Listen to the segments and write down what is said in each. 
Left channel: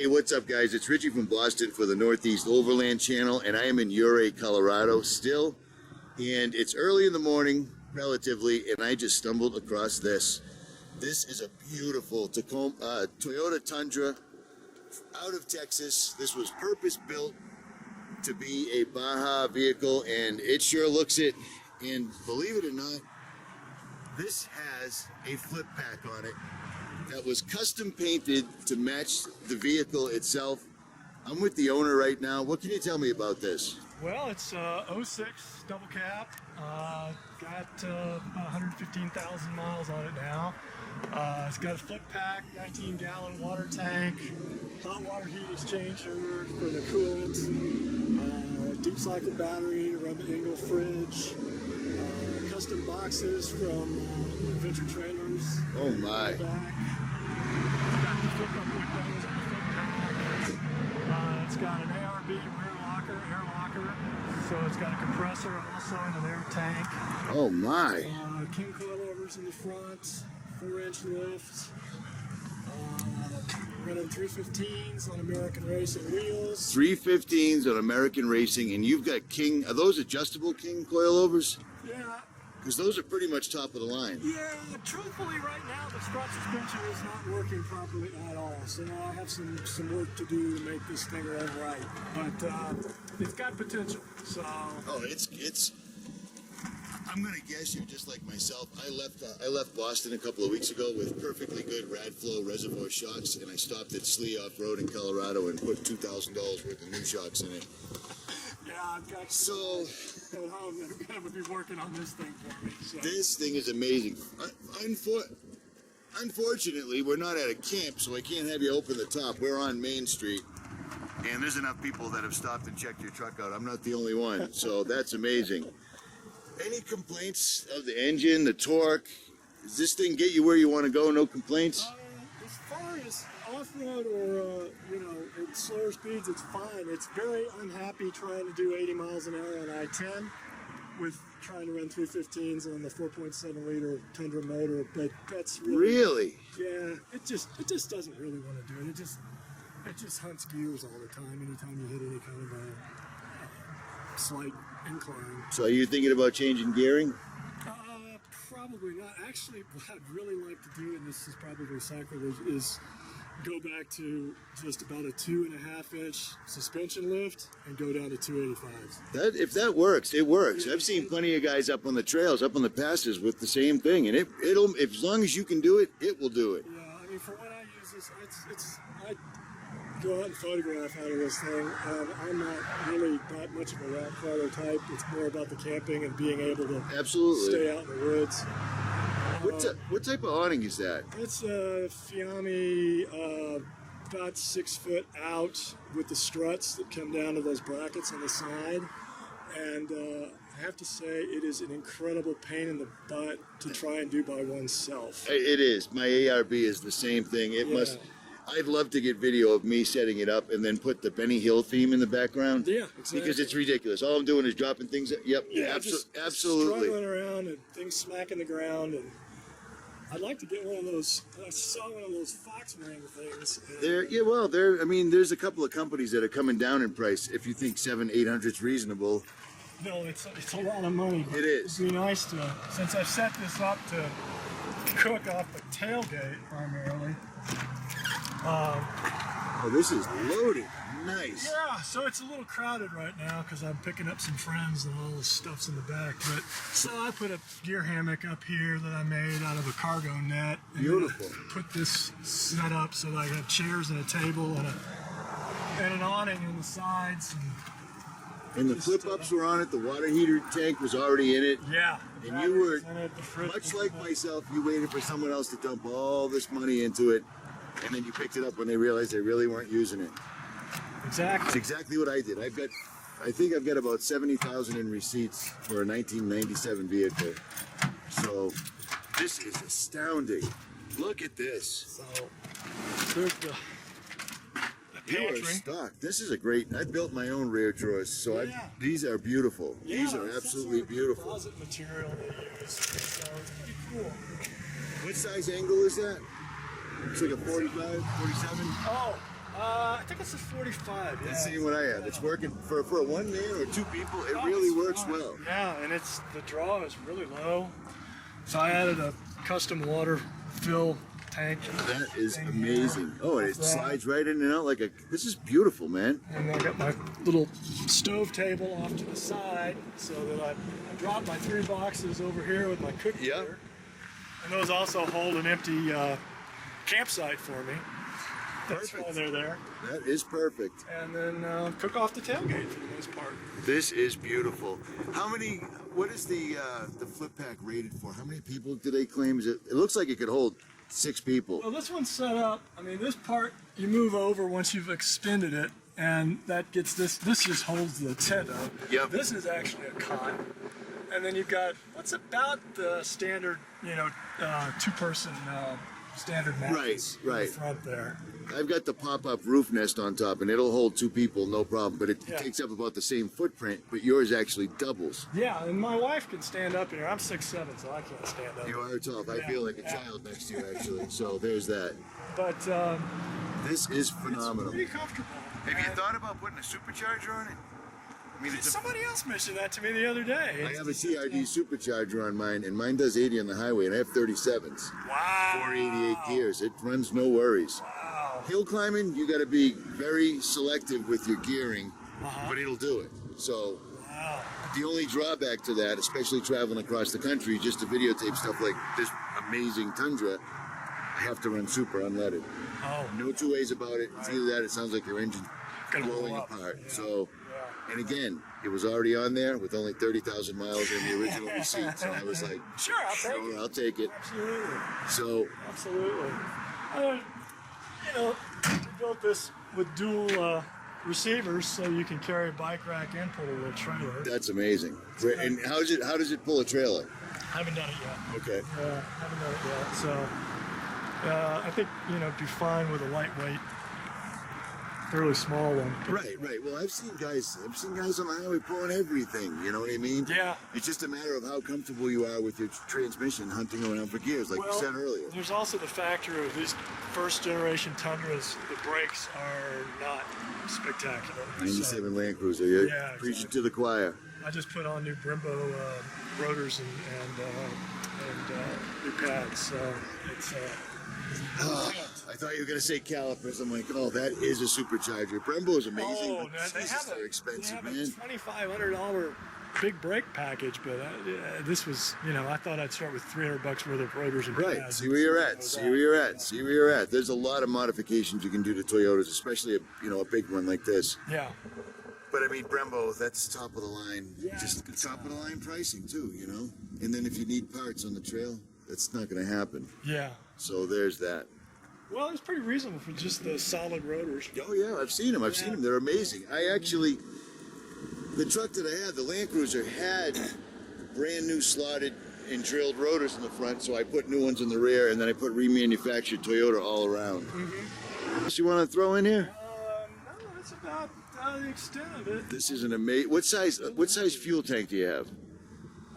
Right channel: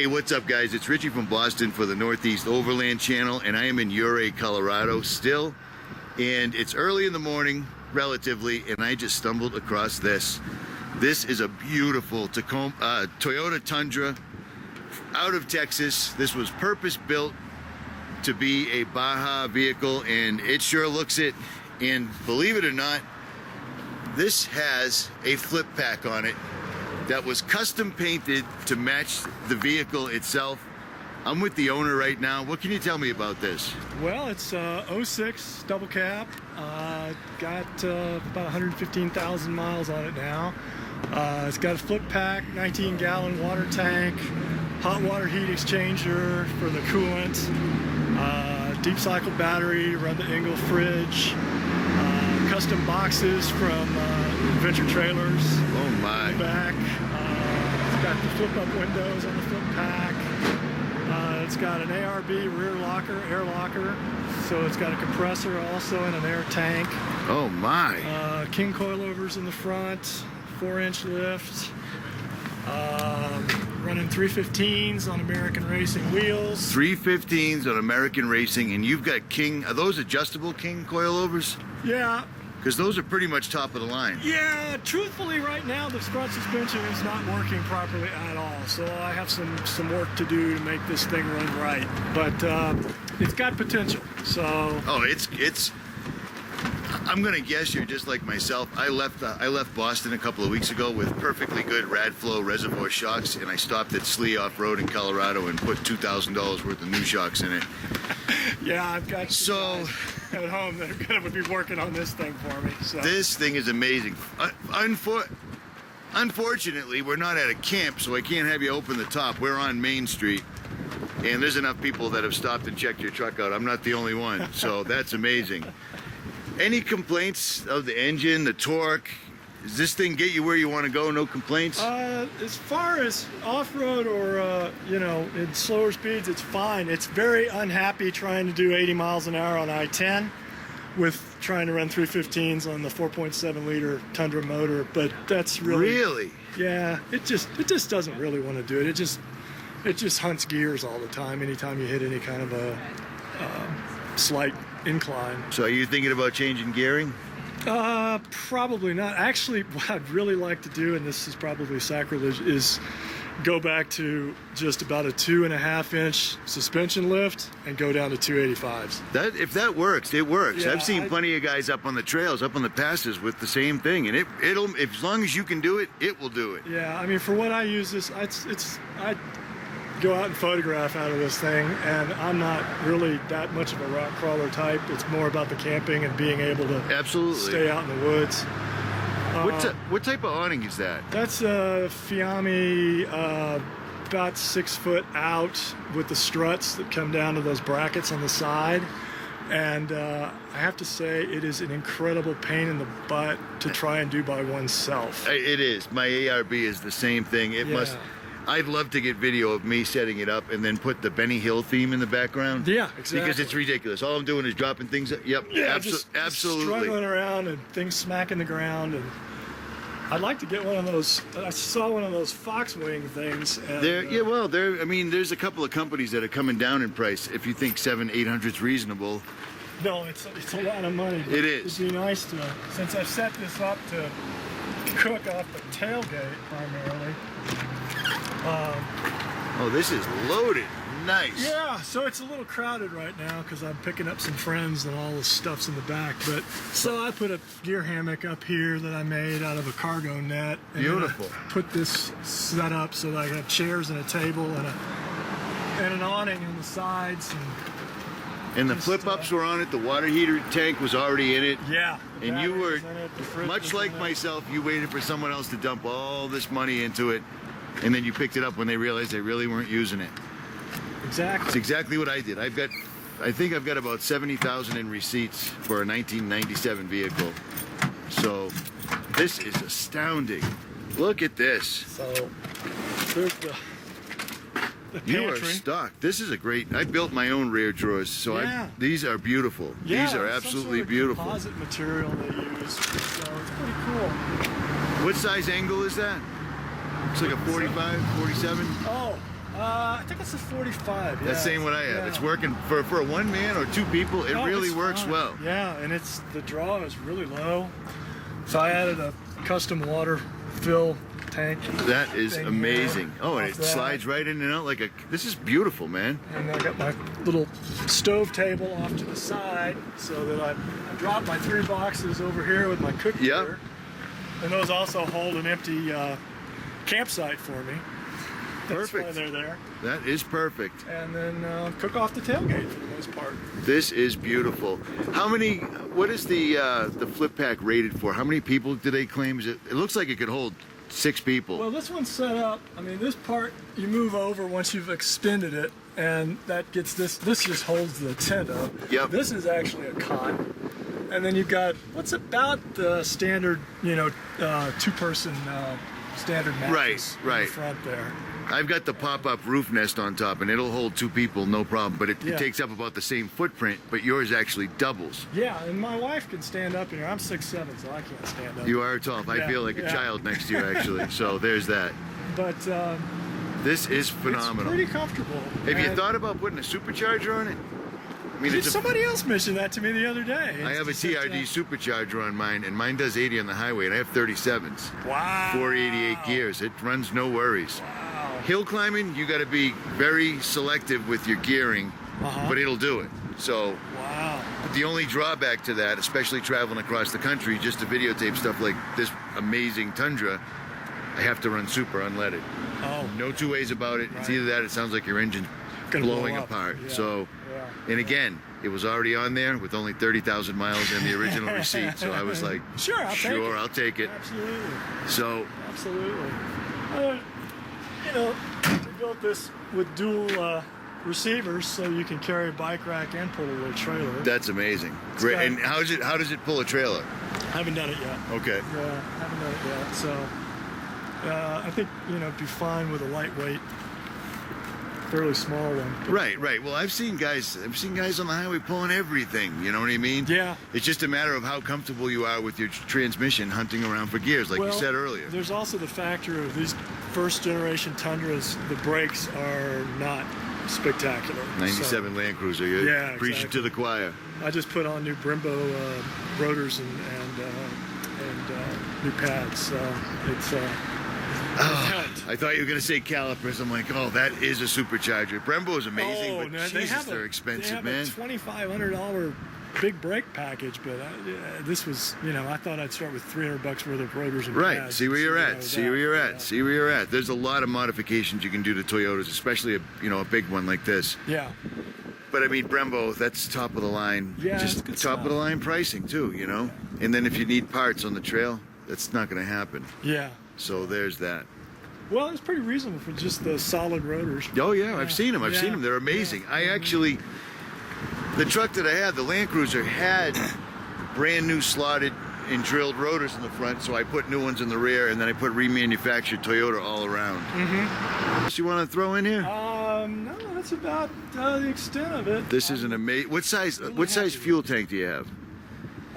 Hey, what's up, guys? It's Richie from Boston for the Northeast Overland channel, and I am in Ouray, Colorado still. And it's early in the morning, relatively, and I just stumbled across this. This is a beautiful Toyota Tundra out of Texas. This was purpose-built to be a BAJA vehicle, and it sure looks it. And believe it or not, this has a FLIPAK on it that was custom painted to match the vehicle itself. I'm with the owner right now. What can you tell me about this? Well, it's 06 double cab. Got about 115,000 miles on it now. It's got a FLIPAK, 19-gallon water tank, hot water heat exchanger for the coolant, deep cycle battery, run the Engel fridge, custom boxes from Adventure Trailers. Back. Got the flip-up windows on the FLIPAK. It's got an ARB rear locker, air locker. So it's got a compressor also and an air tank. Oh my! King coilovers in the front, 4-inch lift. Running 315s on American Racing wheels. 315s on American Racing, and you've got King. Are those adjustable King coilovers? Yeah. Because those are pretty much top of the line. Yeah, truthfully right now the front suspension is not working properly at all. So I have some work to do to make this thing run right. But it's got potential, so... Oh, it's I'm gonna guess you're just like myself. I left Boston a couple of weeks ago with perfectly good Radflow reservoir shocks, and I stopped at Slee Off-Road in Colorado and put $2,000 worth of new shocks in it. Yeah, I've got so at home that are gonna be working on this thing for me. So. This thing is amazing. Unfortunately, we're not at a camp, so I can't have you open the top. We're on Main Street, and there's enough people that have stopped and checked your truck out. I'm not the only one, so that's amazing. Any complaints of the engine, the torque? Does this thing get you where you want to go? No complaints? As far as off-road or, in slower speeds, it's fine. It's very unhappy trying to do 80 miles an hour on I-10 with trying to run 315s on the 4.7 liter Tundra motor, but that's really... Really? Yeah, it just doesn't really want to do it. It just hunts gears all the time anytime you hit any kind of a slight incline. So are you thinking about changing gearing? Probably not. Actually, what I'd really like to do, and this is probably sacrilege, is go back to just about a 2.5-inch suspension lift and go down to 285s. If that works, it works. Yeah, I've seen plenty of guys up on the trails, up on the passes with the same thing, and it'll as long as you can do it, it will do it. Yeah, I mean, for what I use this, I go out and photograph out of this thing, and I'm not really that much of a rock crawler type. It's more about the camping and being able to stay out in the woods. What type of awning is that? That's a Fiamme, about 6 foot out with the struts that come down to those brackets on the side. And I have to say, it is an incredible pain in the butt to try and do by oneself. It is. My ARB is the same thing. It must. I'd love to get video of me setting it up and then put the Benny Hill theme in the background. Yeah, exactly. Because it's ridiculous. All I'm doing is dropping things. Yep. Yeah, absolutely. Struggling around and things smacking the ground. And I'd like to get one of those. I saw one of those Foxwing things. And, I mean, there's a couple of companies that are coming down in price. If you think 700-800 is reasonable. No, it's a lot of money. It is. It'd be nice to, since I've set this up to cook off the tailgate primarily. This is loaded. Nice. Yeah, so it's a little crowded right now because I'm picking up some friends and all the stuff's in the back. But so I put a gear hammock up here that I made out of a cargo net, and put this set up so that I have chairs and a table and an awning on the sides. And the flip-ups were on it. The water heater tank was already in it. Yeah. And you were much like myself. You waited for someone else to dump all this money into it. And then you picked it up when they realized they really weren't using it. Exactly. It's exactly what I did. I think I've got about 70,000 in receipts for a 1997 vehicle. So this is astounding. Look at this. So there's the pantry. You are stocked. This is a great. I built my own rear drawers, so these are beautiful. Yeah, these are absolutely beautiful. Composite material they use, so it's pretty cool. What size angle is that? It's like a 45, 47? Oh, I think it's a 45. Yeah. That's same what I have. Yeah. It's working for a one man or two people. It Oh, really it's works fine. well. Yeah, and the draw is really low. So I added a custom water fill tank. That is thing amazing. here Oh, and it off that. slides right in and out like a. This is beautiful, man. And I got my little stove table off to the side so that I drop my 3 boxes over here with my cooking Yep. gear. And those also hold an empty campsite for me. That's why Perfect. they're there. That is perfect. And then cook off the tailgate for the most part. This is beautiful. How many? What is the FLIPAK rated for? How many people do they claim? It looks like it could hold 6 people. Well, this one's set up. I mean, this part you move over once you've extended it, and that gets this. This just holds the tent up. Yep. This is actually a cot, and then you've got what's about the standard, 2-person standard mattress Right, in right. front there. I've got the pop-up roof nest on top, and it'll hold 2 people, no problem. But it Yeah. takes up about the same footprint, but yours actually doubles. Yeah, and my wife can stand up in here. I'm 6'7", so I can't stand up. You are tall. I Yeah, feel like a yeah. child next to you, actually. So there's that. But This is it's phenomenal. pretty comfortable. Have you And thought about putting a supercharger on it? I mean, it's a, somebody else mentioned that to me the other day. I have a It's just, TRD supercharger on mine, and mine does 80 on the highway, and I have 37s. Wow. 488 gears. It runs no worries. Wow. Hill climbing, you got to be very selective with your gearing, Uh-huh. but it'll do it. So Wow. the only drawback to that, especially traveling across the country, just to videotape stuff like this amazing Tundra, I have to run super unleaded. Oh. No 2 ways about it. It's Right. either that or it sounds like your engine Gonna blowing blow up. apart. Yeah. So, Yeah. and again, it was already on there with only 30,000 miles in the original receipt. So I was like, Sure, I'll take it. I'll take it. Absolutely. So Absolutely. We built this with dual receivers so you can carry a bike rack and pull a little trailer. that's amazing. Great. got- And how does it pull a trailer? Haven't done it yet. Okay. Yeah, haven't done it yet. So I think, it'd be fine with a lightweight, fairly small one. But- Right. Well, I've seen guys on the highway pulling everything. You know what I mean? Yeah. It's just a matter of how comfortable you are with your transmission hunting around for gears, like Well, you said earlier. there's also the factor of these first generation Tundras, the brakes are not spectacular. 97 Land Cruiser. You're Yeah, preaching exactly. to the choir. I just put on new Brembo rotors and new pads, so it's I thought you were going to say calipers. I'm like, oh, that is a supercharger. Brembo is amazing. Oh but no, they Jesus, have they're expensive, a man. $2,500 big brake package, but this was, I thought I'd start with $300 worth of rotors and Right. pads. See where you're and at. so See that, where you're at. yeah. See where you're at. There's a lot of modifications you can do to Toyotas, especially a big one like this. Yeah. But I mean, Brembo, that's top of the line. Yeah, Just it's good top stuff. of the line pricing too, And then if you need parts on the trail, that's not going to happen. Yeah. So there's that. Well, it's pretty reasonable for just the solid rotors. Oh yeah, I've seen them. I've Yeah. seen them. They're amazing. The truck that I had, the Land Cruiser, had brand new slotted and drilled rotors in the front, so I put new ones in the rear, and then I put remanufactured Toyota all around. Mm-hmm. What you want to throw in here? No, that's about the extent of it. This is an amazing. What size fuel tank do you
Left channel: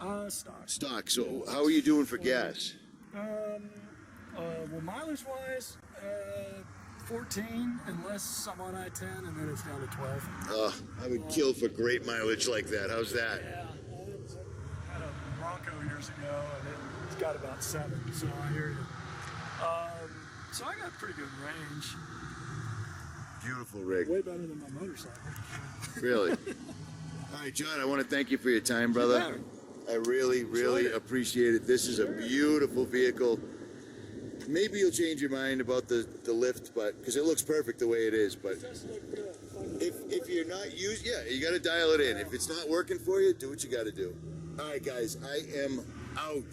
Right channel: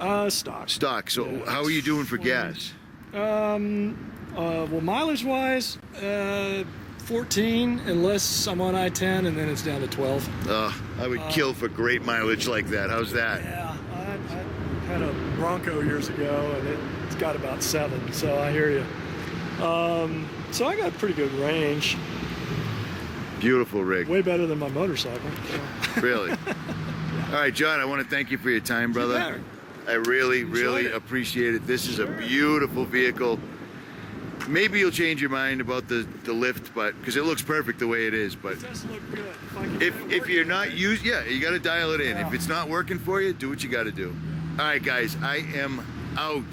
have? Stock. Stock. So how are you doing for gas? Well, mileage-wise, 14, unless I'm on I-10, and then it's down to 12. I would kill for great mileage like that. How's that? Yeah, I had a Bronco years ago, and it's got about 7, so I hear you. So I got pretty good range, Beautiful rig. way better than my motorcycle. Really. All right, John, I want to thank you for your time, brother. I really, really appreciate it. This is a beautiful vehicle. Maybe you'll change your mind about the lift, but because it looks perfect the way it is. But if you're not you got to dial it in. If it's not working for you, do what you got to do. All right, guys, I am out.